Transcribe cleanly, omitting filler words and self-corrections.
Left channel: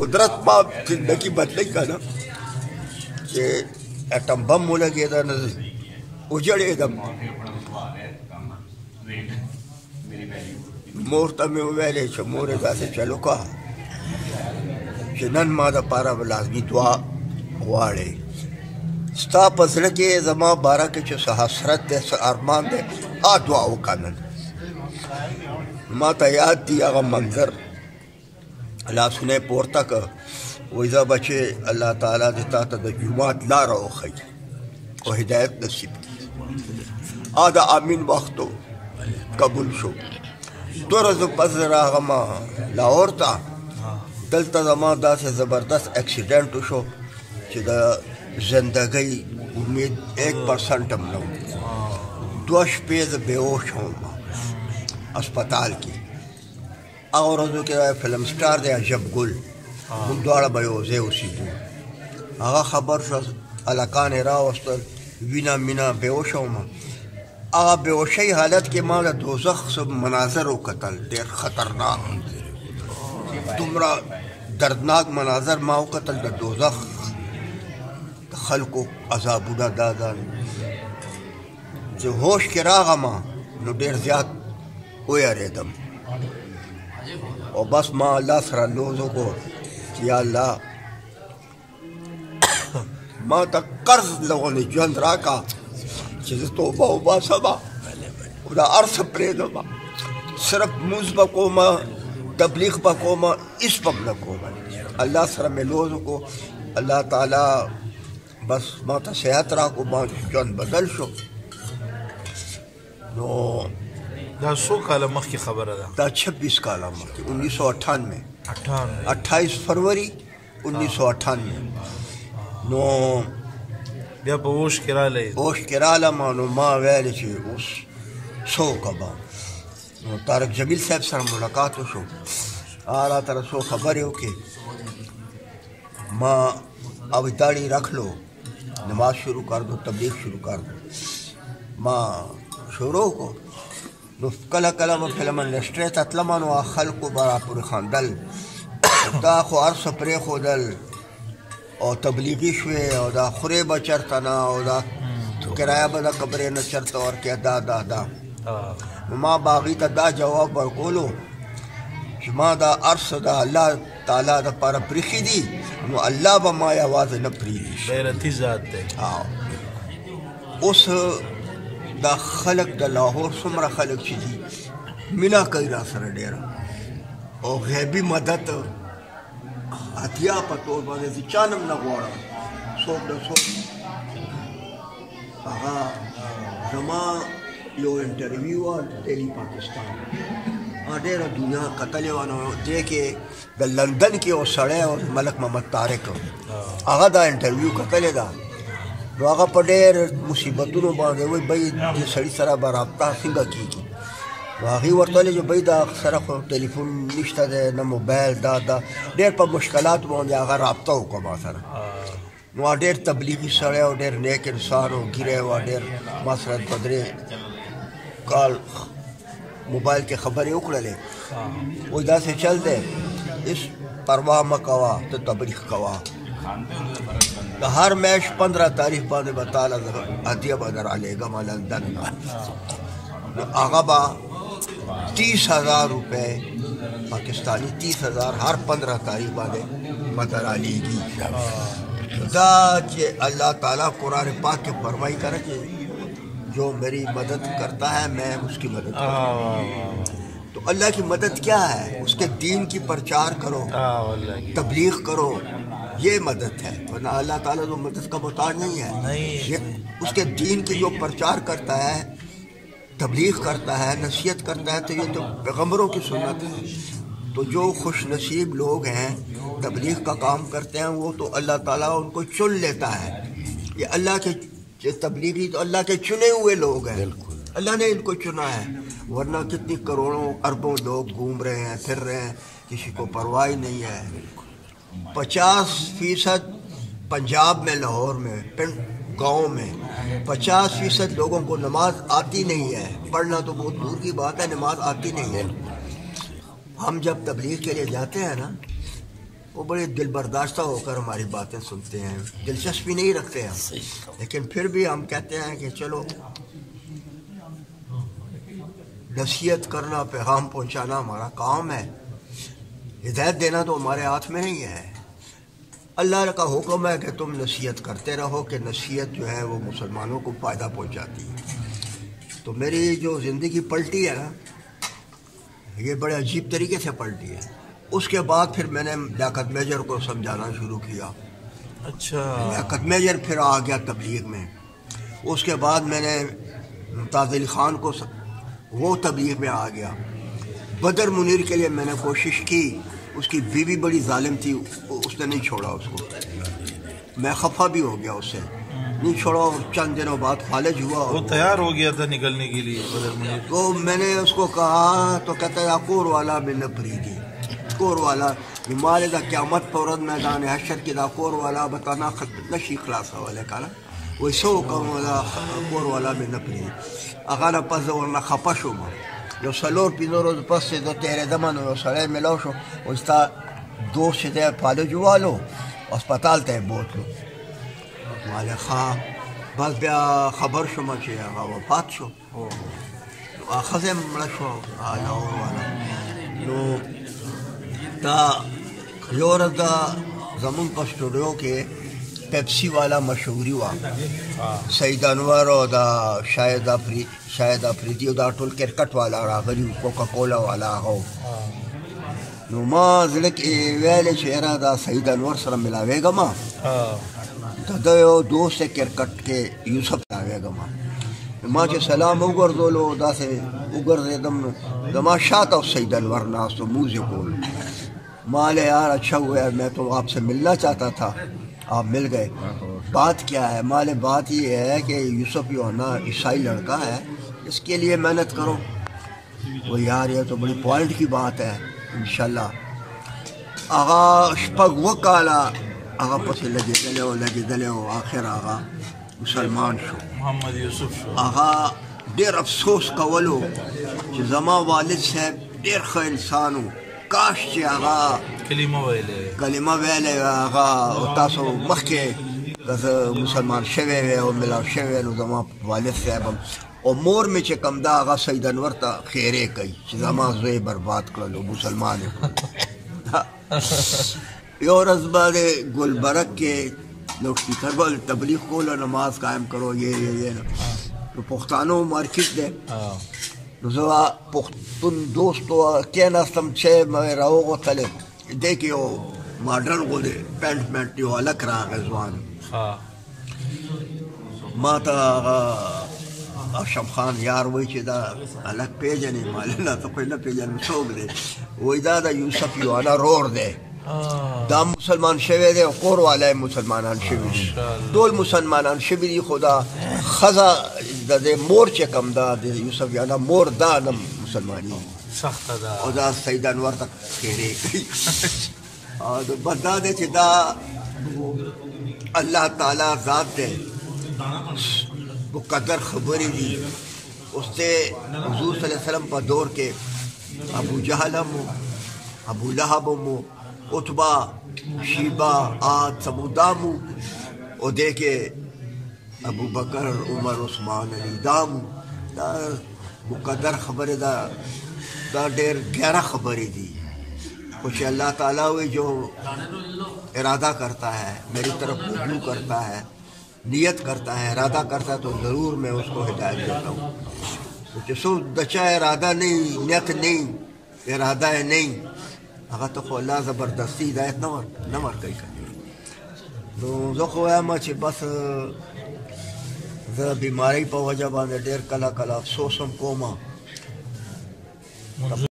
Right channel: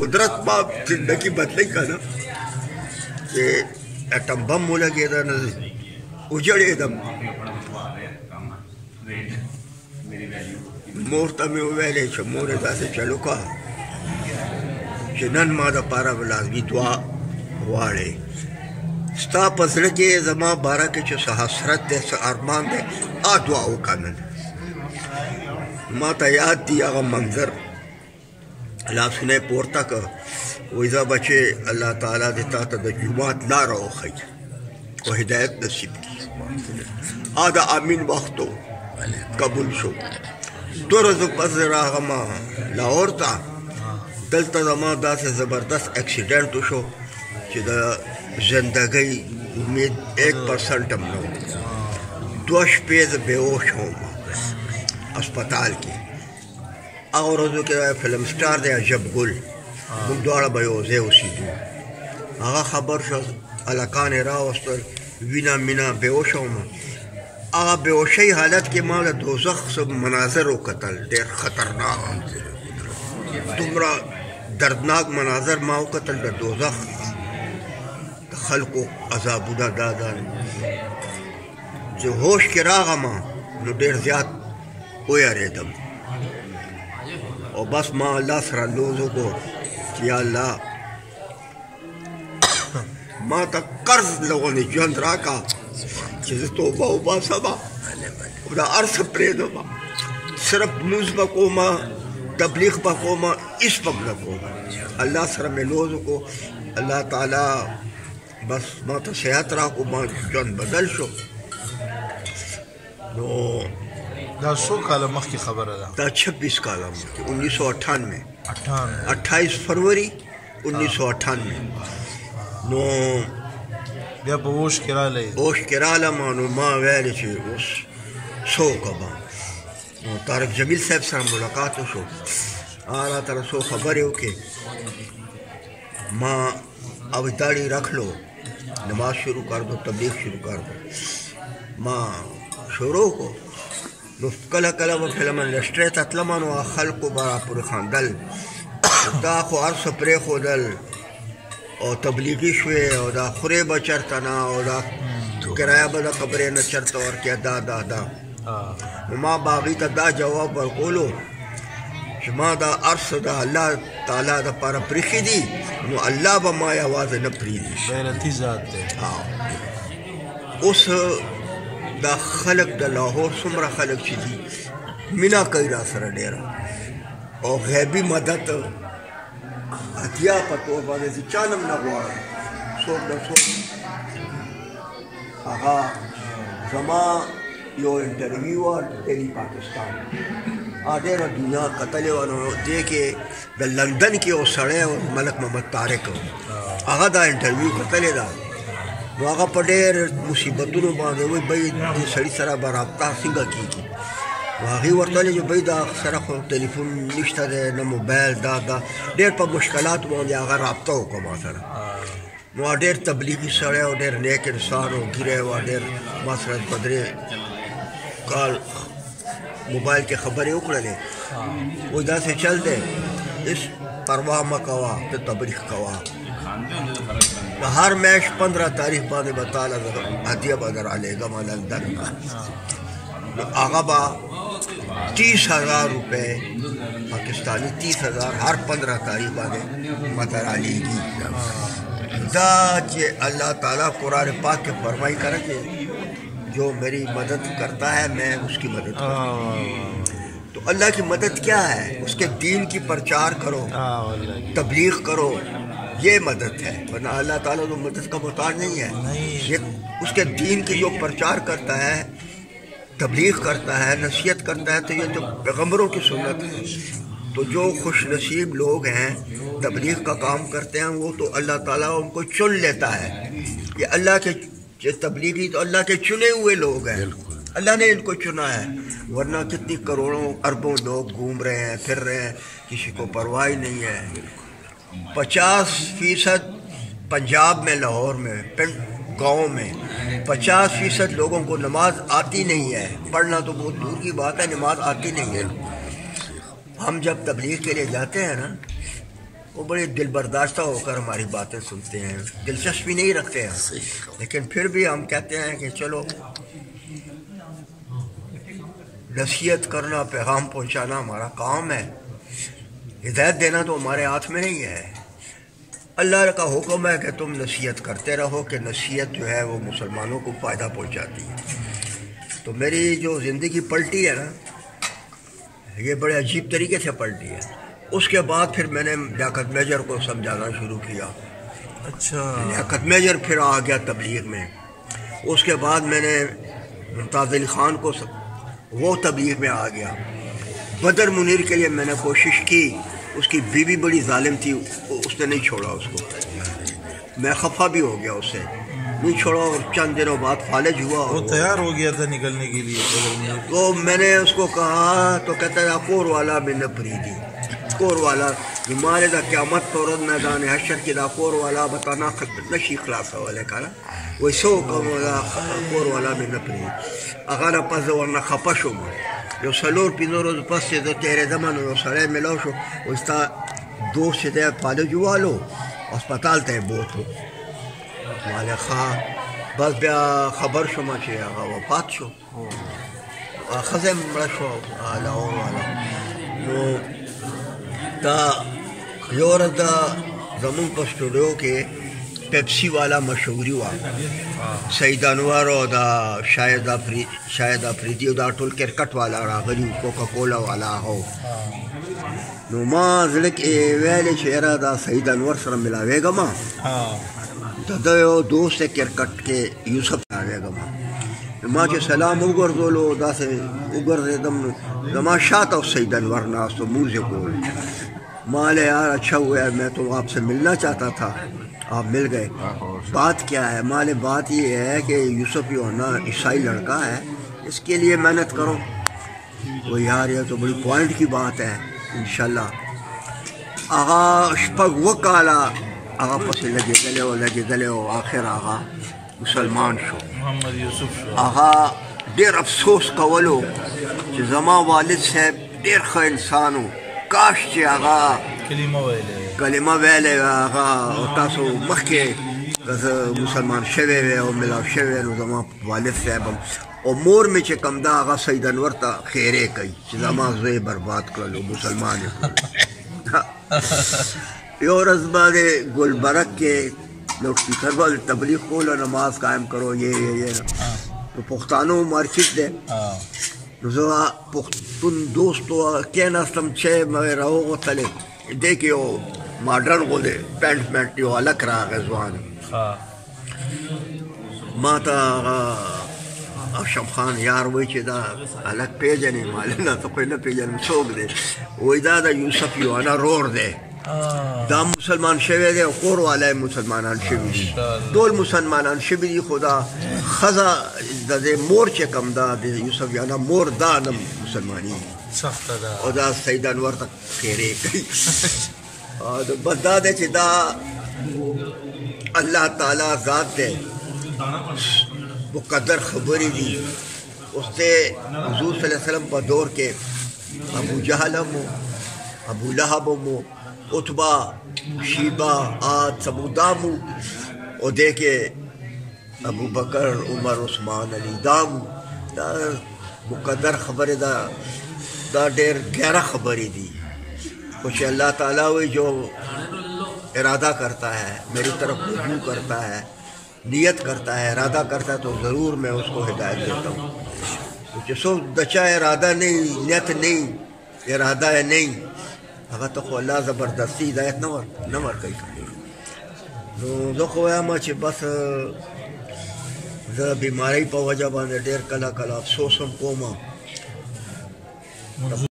कुदरत मां जिंदगी बदले का ना कि एटम बम हो लगे था न उजड़े दम मोर तमें वेले छ मोरे दासे चलो का कि नन मां दा पारा लाज़मी दुआ वाले स्ता पसले के जमा बारा के छ हसरत दे अरमान दे आ दुआ कानन माता याद दिया मंजर अल्लाह सुने पोरता का वैजा बचे अल्लाह ताला देता तो जुमात ला रहो खई को हिदायत नसीब की आधा आमीन वक्तो कबूल शो दो रोज पस रागमा लाहौर था दलता जमा दा से जबरदस्त एक्सीडेंट शो चिदा जिंदगी उम्मीद 1% हम लोग दोष पेज बेहोश हो अस्पताल की और रोजों के फिल्म स्टार दे जब गुल मुद्दारा बयोजे उसी दो आगा खबर शो अलकान रावस्तल विना मिना बेहोश हो आगा बेहोशी हालत के माल दोजख सब मनाजर व कतल देर खतरनाक तुमरा दर्दनाक मनाजर माओ कतल द दोजख खलको अजाबुदा दादा जो होश के रागा मां नो देर ज्याद ओया रेदम और बस माँ अल्लाह सरा लोगों को कि अल्लाह माँ तक कर्ज लोगों ने जंद रखा जिसे तो बाबा सबा उधर अर्थ प्रेम बा सिर्फ मुझ को माँ तबलीग को माँ इस पग को अल्लाह सरा में लोगों को अल्लाह ताला बस माँ तो सेहत रहा को माँ जंद बदल शो नो دا सो काल मख की खबर है दा 26 काल 1998 28 फरवरी 1998 नो بیا په ووش کراله مانو ما ویل چې اوس سو کبا نو طارق جمیل صاحب سره ملاقات وشو آلا تر سو خبرې وکړې ما अब दाढ़ी रख लो नमाज शुरू कर दो तबलीग शुरू कर दो माँ शुरू को कला कला वो फिल्म इंडस्ट्री तत्लमन व खल को बड़ा पूरे खानदल दा खो अर्स प्रे खोदल और तबलीगी शुए और दा खुरे बचरतना और दा किराया बदा कब्रे न चरता और क्या दा दा दा माँ बागी ता दा जवाब पर बोलो माँ दा अर्स दा अल्लाह ताला दा पर प्रिखी दी वो अल्लाह ब माँ आवाज़ न प्रीदी हाँ उस दा खलक दा लाहौर सुमरा खलक चीज़ी मिना कई रासरा डेरा और गैबी मदद हथिया पतो बाने सी चानम ना गुआरा सोप दा सोप आहा जमा यो इंटरव्यू और टेली पाकिस्तान आडेरा दुनिया कतले वानो देखे द लंदन के ओ सड़े और मलक मोहम्मद तारिक आगा दा इंटरव्यू कतले दा वागा पडेर मुसीबतों बांधे वही भाई सड़ी सरा बराबता सिंगा की वाही वर्तले जो भाई दा सरा को टेलीफोन निश्ता दे न मोबाइल दा दा देर पर मुश्किलात बांधे आगा राब्ता हो कमा सरा वो देर तबलीगी सड़े और देर नेक इंसान हो गिरे वो देर मसरत बदरे काल मोबाइल के खबरें उखड़े वो इधर से चलते इस परवाह मकवा तो तबलीग कवा हर मैच 15 तारीख बाद बता हदिया बदर आलेगा लंदन का आगा बा 30,000 रुपये पाकिस्तानी 30,000 हर 15 तारीख बाद मदर आलेगी अल्लाह ताला कुरान पाक के फरमाई करे कि जो मेरी मदद करता है मैं उसकी मदद करता तो अल्लाह की मदद क्या है उसके दीन की प्रचार करो तबलीग करो ये मदद है वरना अल्लाह ताला तो मदद का मोहताज नहीं है ये उसके दीन की जो प्रचार करता है तबलीग करता है नसीहत करता है तो ये तो पैगम्बरों की सुन्नत है तो जो खुश नसीब लोग हैं तबलीग का काम करते हैं वो तो अल्लाह ताला उनको चुन लेता है ये अल्लाह के तबलीगी तो अल्लाह के चुने हुए लोग हैं अल्लाह ने इनको चुना है वरना कितनी करोड़ों अरबों लोग घूम रहे हैं फिर रहे हैं किसी को परवाह नहीं है 50% पंजाब में लाहौर में गाँव में 50% लोगों को नमाज आती नहीं है पढ़ना तो बहुत दूर की बात है नमाज आती नहीं है हम जब तबलीग के लिए जाते हैं ना वो बड़े दिल बर्दाश्ता होकर हमारी बातें सुनते हैं, दिलचस्पी नहीं रखते हैं, लेकिन फिर भी हम कहते हैं कि चलो नसीहत करना, पैगाम पहुंचाना हमारा काम है। हिदायत देना तो हमारे हाथ में नहीं है। अल्लाह का हुक्म है कि तुम नसीहत करते रहो, कि नसीहत जो है वो मुसलमानों को फ़ायदा पहुंचाती है। तो मेरी जो ज़िंदगी पलटी है ना, ये बड़े अजीब तरीके से पलटी है। उसके बाद फिर मैंने लियाकत मेजर को समझाना शुरू किया। अच्छा, लियाकत मेजर फिर आ गया तबलीग में। उसके बाद मैंने मुमताज़ अली ख़ान को वो तबलीग में आ गया। बदर मुनीर के लिए मैंने कोशिश की, उसकी बीवी बड़ी जालिम थी, उसने नहीं छोड़ा उसको। मैं खफा भी हो गया उससे, नहीं छोड़ा। और चंद दिनों बाद फालिज हुआ, वो तैयार हो गया था निकलने के लिए। तो मैंने उसको कहा तो कहता है कोर वाला मैंने फरीदी, कोर वाला माले दा क़यामत फौरन मैदान हशर की दा कोर वाला बताना नशी खलासा वाले का ना वैसो कोर वाला मैंने फरीदी अगर पस वरना खपशो में यो सलोर पिनो रोज पस से तो तेरे दमन यो सड़े मिलाओ शो उसका दोस्त से फालिज हुआ लो अस्पताल तय बहुत माले खा बस बिया खबर शो मचे वफात शो खजे मशो आला और वाला तो दा योर दा जमुन पर स्टूडियो के पेप्सी वाला मशहूरी हुआ सईद अनवर और दा शायद अफरीदी दा टोल क्रिकेट वाला रागली कोका कोला वाला हो नो मां ज़िले के वेले शेरा दा सईद अनवर सर मिलावेगा मां दयो दोस्त क्रिकेट के यूसुफ आवेगा मां के सलाम उगर दोलो दा से उगर दम जमा शात और सईद अनवर नास तो मुझे बोल माले यार अच्छा हुआ मैं तो आपसे मिलना चाहता था, आप मिल गए। बात क्या है माले? बात ये है कि यूसुफ यो ना ईसाई लड़का है, इसके लिए मेहनत करो। वो यार ये तो बड़ी पॉइंट की बात है। इंशाल्लाह आगा शपग वकाला आगा पसे लगे दले हो आखिर आगा मुसलमान शो आगा देर अफसोस कवलो कि जमा वालिद साहब देर ख इंसान हो, काश के आगा कलिमा वेले आगा तासो मखके मुसलमान शवे और मिला शवे जमा वालिद साहब और मोर में चे कमदा आगा सईद अनवर ता खेरे कई जमा जे बर्बाद कर लो मुसलमान यो रज़बादे गुलबरक के लोग स्पीकर पर तबलीग खोलो, नमाज कायम करो, ये तो पुख्तानो मार्केट दे पुख्तुन दोस्तों क्या नास्तम छे मैं रहो तले देखियो मॉडर्न बोले पेंट यो अलग रहा गजवान माता अशम खान यार वही चीज़ा अलग पेज नहीं माले ना तो कोई ना पेज में सोग दे वही दादा यूसुफ यो आना रोड दे दाम मुसलमान शेवे दे कोर वाला है मुसलमान शिविरी डोल मुसलमान शिविरी खुदा खजा दे मोर चे कम दा दे यूसुफ याना मोर दा नम मुसलमानी खुदा सईद अनवर तक फेरे और बदा दे चिदा अल्लाह ताला ज़ात दे मुक़द्दर खबरी दी उससे हुज़ूर सल्लल्लाहु अलैहि वसल्लम पर दौर के अबू जहल हो, अबू लहब हो, उतबा शीबा आद समुदामू और देखे अबू बकर उमर उस्मान अली दाम मुक़द्दर खबर दा डेर 11 खबरी दी कुछ अल्लाह ताला हुई जो इरादा करता है मेरी तरफ रुजू करता है, नियत करता है, इरादा करता है तो ज़रूर मैं उसको हिदायत देता हूँ। तो सो दचा इरादा नहीं, नियत नहीं, इरादा है नहीं, अगर तो अल्लाह ज़बरदस्ती हिदायत न वर कई करी तो जो खोया मचे बस बीमारी पर वजह बाने डेर कला अफसोसम कोमा